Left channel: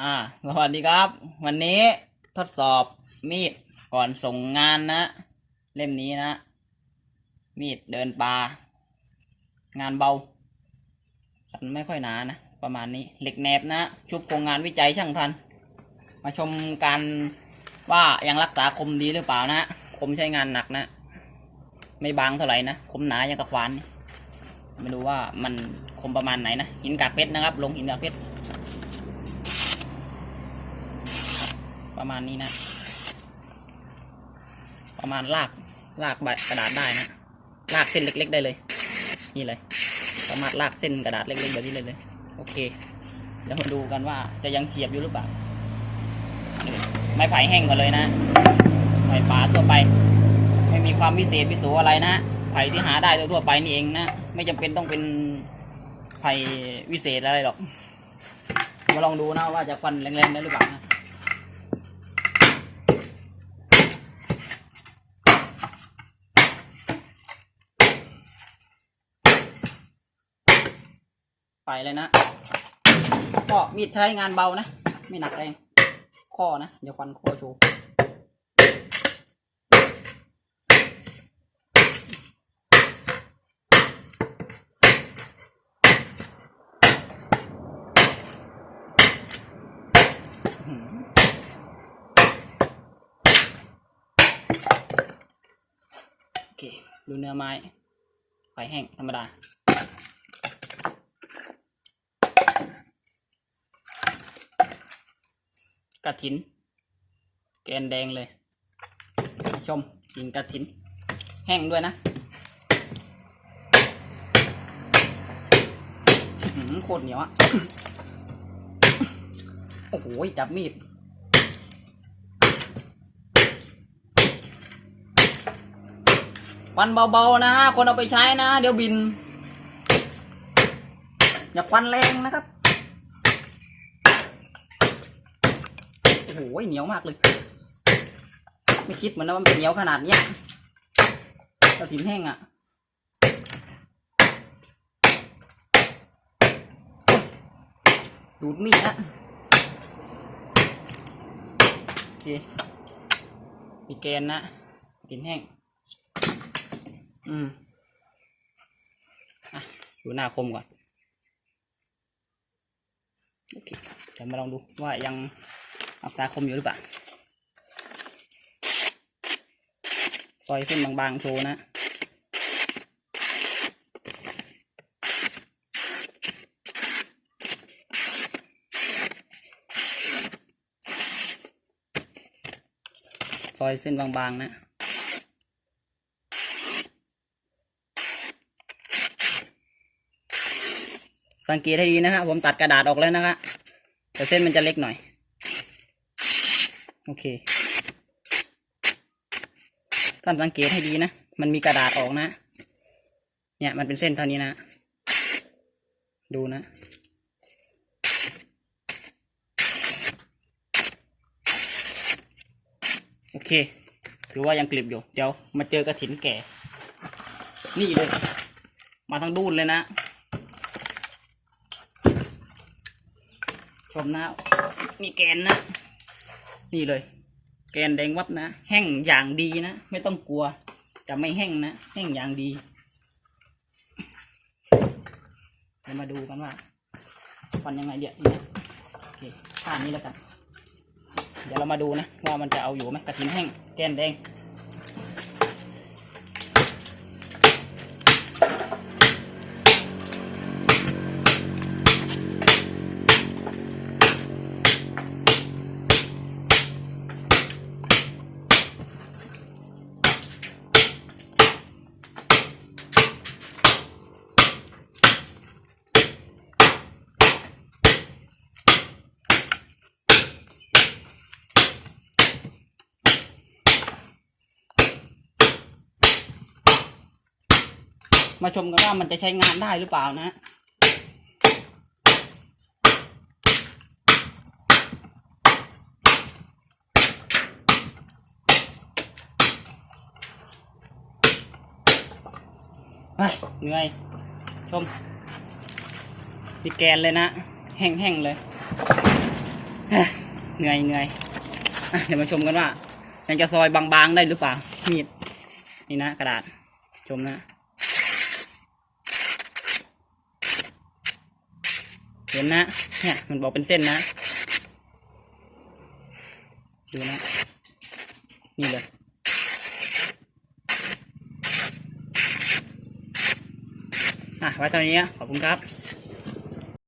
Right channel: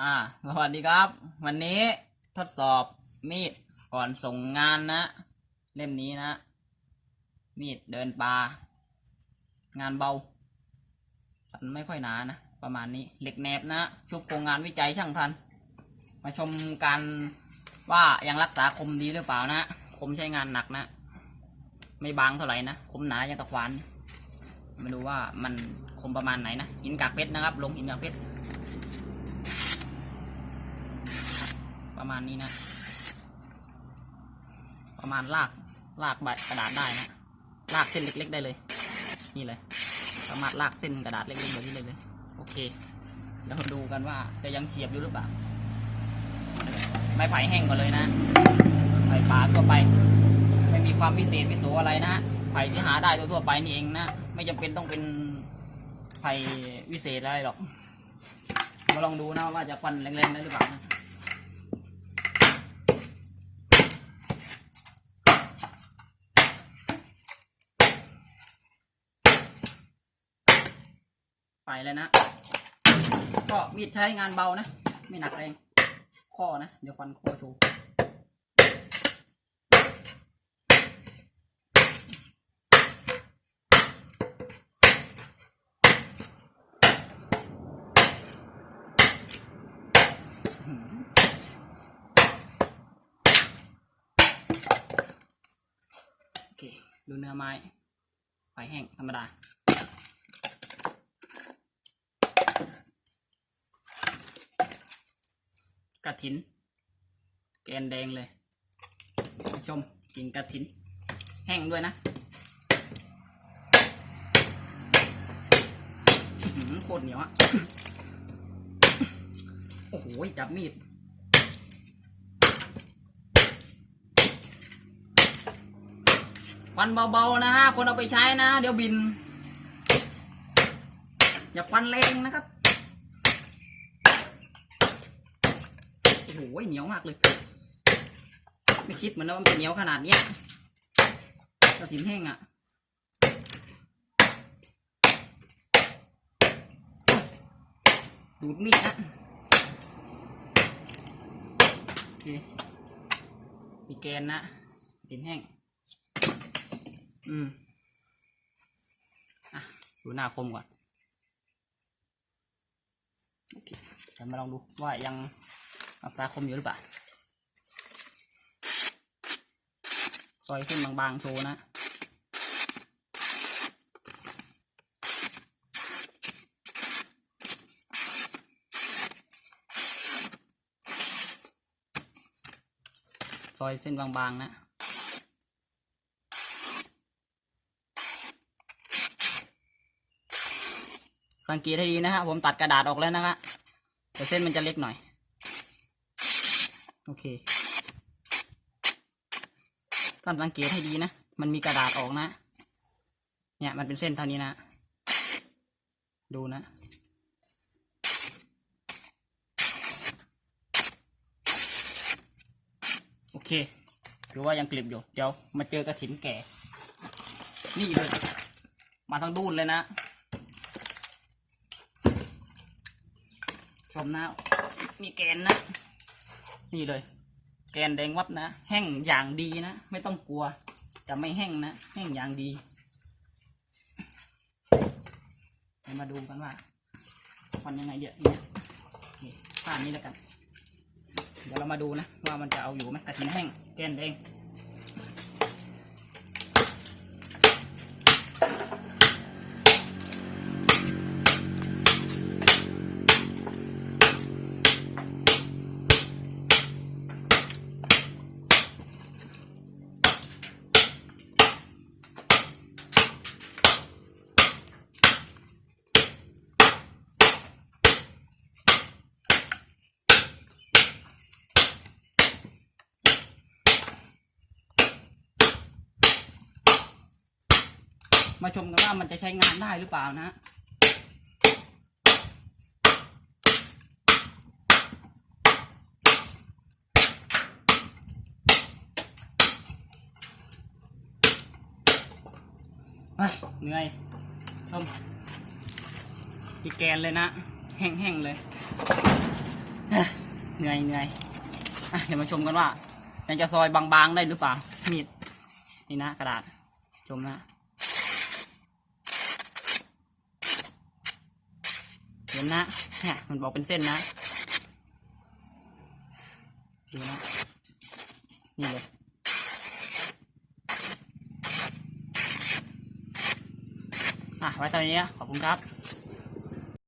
อ่าสวัสดีครับ วันนี้ทดสอบมีดก่อนส่งงานนะ เล่มนี้นะ มีดเดินปลางานเบาสันไม่ค่อยหนานะ ประมาณนี้เหล็กแหนบนะ ชุบโครงงานวิจัยช่างทัน มาชมการว่ายังรักษาคมดีหรือเปล่านะ คมใช้งานหนักนะ ไม่บางเท่าไหร่นะ คมหนายังกระควานไม่รู้ว่ามันคมประมาณไหนนะ หินกากเพชรนะครับ ลงหินกากเพชร ประมาณนี้นะ ประมาณลากลากใบกระดาษได้นะลากเส้นเล็ก ๆ ได้เลย นี่เลยสามารถลากเส้นกระดาษเล็กๆแบบนี้เลยเลยโอเคเดี๋ยวมาดูกันว่าจะยังเสียบอยู่หรือเปล่าไม้ไผ่แห้งก่อนเลยนะไผ่ป่าทั่วไป ไม่มีความพิเศษพิโสอะไรนะไผ่ที่หาได้ทั่วไปนี่เองนะไม่จำเป็นต้องเป็นไผ่วิเศษอะไรหรอกมาลองดูนะว่าจะฟันแรงๆได้หรือเปล่านะ ไปเลยนะ ก็มีดใช้งานเบานะ ไม่หนักแรงข้อนะ เดี๋ยวฟันข้อโชว์โอเคดูเนื้อไม้ไฟแห้งธรรมดา กระถิน แกนแดงเลยชมกินกระถิน แห้งด้วยนะโคตรเหนียวอะโอ้โห จับมีดควันเบาๆนะฮะ คนเอาไปใช้นะ เดี๋ยวบิน อย่าควันแรงนะครับ โอ้โหเหนียวมากเลย ไม่คิดเหมือนนะว่ามันจะเหนียวขนาดเนี้ยกระถินแห้งอะดูดมีดนะโอเคมีแกนนะกระถินแห้ง อืมอะดูหน้าคมก่อนโอเคเดี๋ยวมาลองดูว่ายัง รักษาคมอยู่หรือเปล่าซอยเส้นบางๆโชว์นะซอยเส้นบางๆนะ สังเกตให้ดีนะครับผมตัดกระดาษออกแล้วนะครับแต่เส้นมันจะเล็กหน่อย โอเคท่านสังเกตให้ดีนะ มันมีกระดาษออกนะ เนี่ยมันเป็นเส้นเท่านี้นะ ดูนะ โอเคถือว่ายังกลิบอยู่ เดี๋ยวมาเจอกระถินแก่ นี่เลย มาทั้งดูนเลยนะ ชมนะ มีแกนนะ นี่เลย แกนแดงวับนะ แห้งอย่างดีนะ ไม่ต้องกลัว จะไม่แห้งนะ แห้งอย่างดีเดี๋ยวมาดูกันว่าฟันยังไงเดี๋ยวนี้โอเคท่านี้แล้วกัน เดี๋ยวเรามาดูนะ ว่ามันจะเอาอยู่ไหมกระถินแห้งแกนแดง มาชมกันว่ามันจะใช้งานได้หรือเปล่านะเฮ้ยเหนื่อยชมมีแกนเลยนะ แห้งๆเลยเหนื่อยเหนื่อยเดี๋ยวมาชมกันว่ายังจะซอยบางๆได้หรือเปล่ามีดนี่นะกระดาษชมนะ เห็นนะ เนี่ยมันบอกเป็นเส้นนะดูนะ นี่เลย อะ ไว้ตอนนี้ ขอบคุณครับ